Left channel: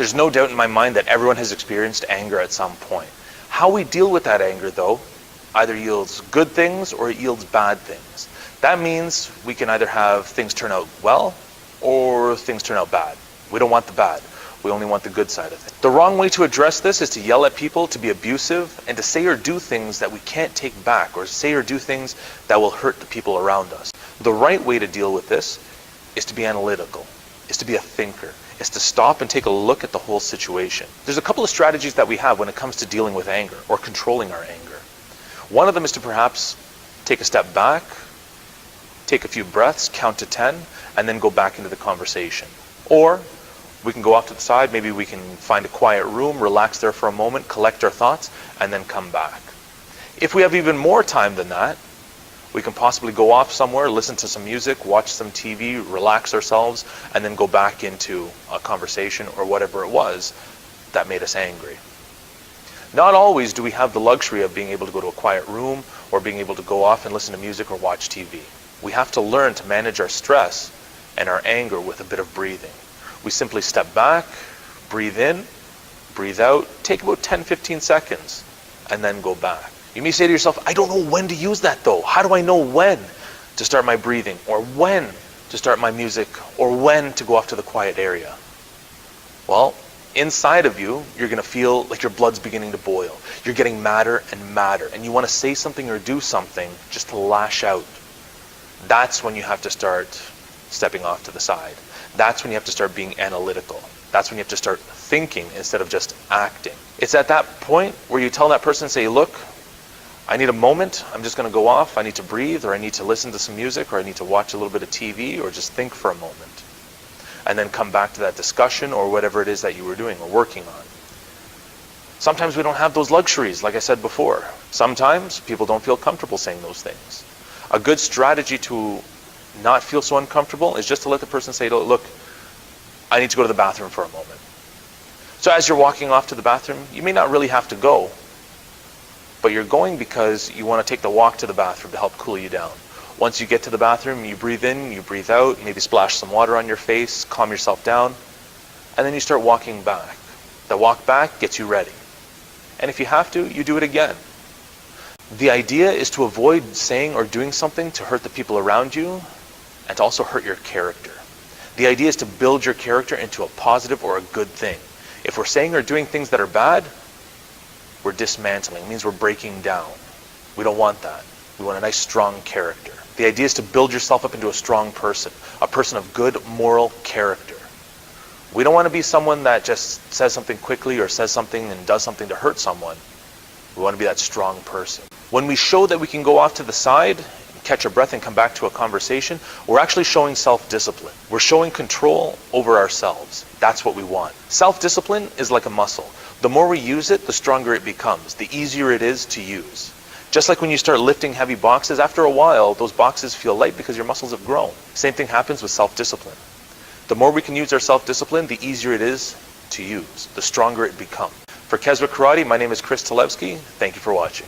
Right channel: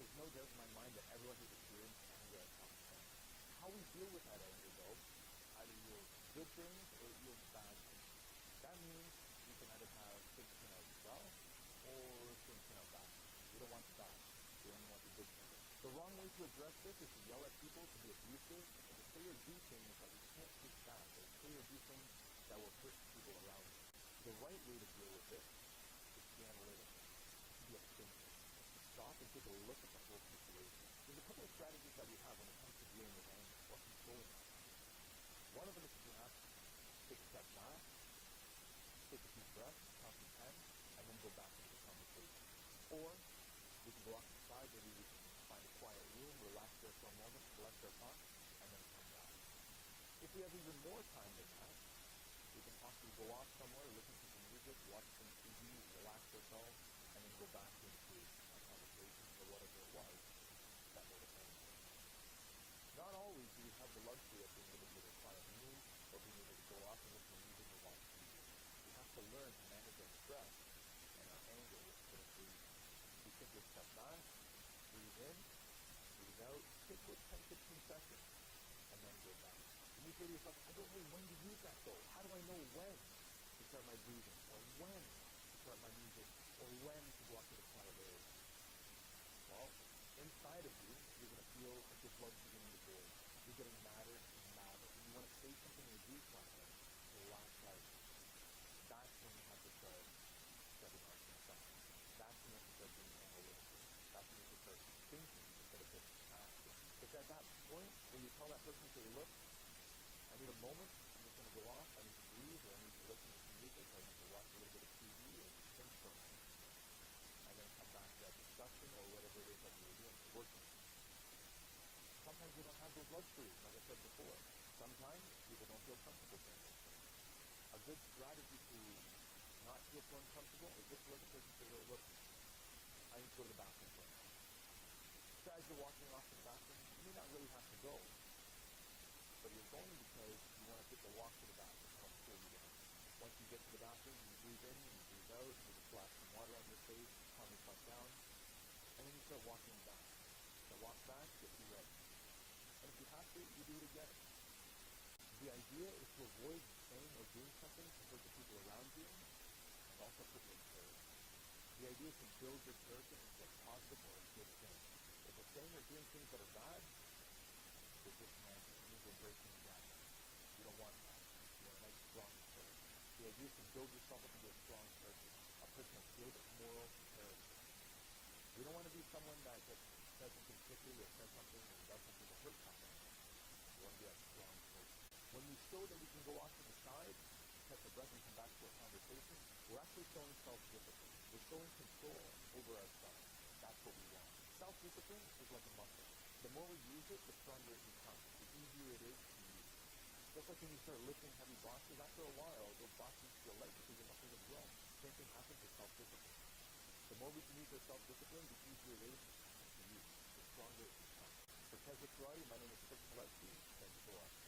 There's no doubt in my mind that everyone has experienced anger at some point. How we deal with that anger, though, either yields good things or it yields bad things. That means we can either have things turn out well or things turn out bad. We don't want the bad. We only want the good side of it. The wrong way to address this is to yell at people, to be abusive, and to say or do things that we can't take back, or say or do things that will hurt the people around us. The right way to deal with this is to be analytical, is to be a thinker, is to stop and take a look at the whole situation. There's a couple of strategies that we have when it comes to dealing with anger or controlling our anger. One of them is to perhaps take a step back, take a few breaths, count to 10, and then go back into the conversation. Or we can go off to the side, maybe we can find a quiet room, relax there for a moment, collect our thoughts, and then come back. If we have even more time than that, we can possibly go off somewhere, listen to some music, watch some TV, relax ourselves, and then go back into a conversation or whatever it was that made us angry. Not always do we have the luxury of being able to go to a quiet room or being able to go off and listen to music or watch TV. We have to learn to manage our stress and our anger with a bit of breathing. We simply step back, breathe in, breathe out, take about 10-15 seconds, and then go back. You may say to yourself, I don't know when to use that though. How do I know when to start my breathing, or when to start my music, or when to go off to the quiet area? Well, inside of you, you're going to feel like your blood's beginning to boil. You're getting madder and madder, and you want to say something or do something just to lash out. That's when you have to start stepping off to the side. That's when you have to start being analytical. That's when you have to start thinking instead of just acting. It's at that point where you tell that person, say, look, I need a moment, I'm just going to go off, I need to breathe, or I need to listen to some music, or I need to watch a little bit of TV, or just think for a moment. And then come back to that discussion or whatever it is that you were doing or working on. Sometimes we don't have those luxuries, like I said before. Sometimes people don't feel comfortable saying those things. A good strategy to not feel so uncomfortable is just to let the person say, look, I need to go to the bathroom for a moment. So as you're walking off to the bathroom, you may not really have to go, but you're going because you want to take the walk to the bathroom to help cool you down. Once you get to the bathroom, you breathe in, you breathe out, maybe splash some water on your face, calm yourself down, and then you start walking back. The walk back gets you ready. And if you have to, you do it again. The idea is to avoid saying or doing something to hurt the people around you and to also hurt your character. The idea is to build your character into a positive or a good thing. If we're saying or doing things that are bad, we're dismantling. It means we're breaking down. We don't want that. We want a nice, strong character. The idea is to build yourself up into a strong person, a person of good moral character. We don't want to be someone that just says something quickly or says something and does something to hurt someone. We want to be that strong person. When we show that we can go off to the side, catch our breath and come back to a conversation, we're actually showing self-discipline. We're showing control over ourselves. That's what we want. Self-discipline is like a muscle. The more we use it, the stronger it becomes, the easier it is to use. Just like when you start lifting heavy boxes, after a while, those boxes feel light because your muscles have grown. Same thing happens with self-discipline. The more we can use our self-discipline, the easier it is to use, the stronger it becomes. For Keswick Karate, my name is Chris Talevsky. Thank you for watching.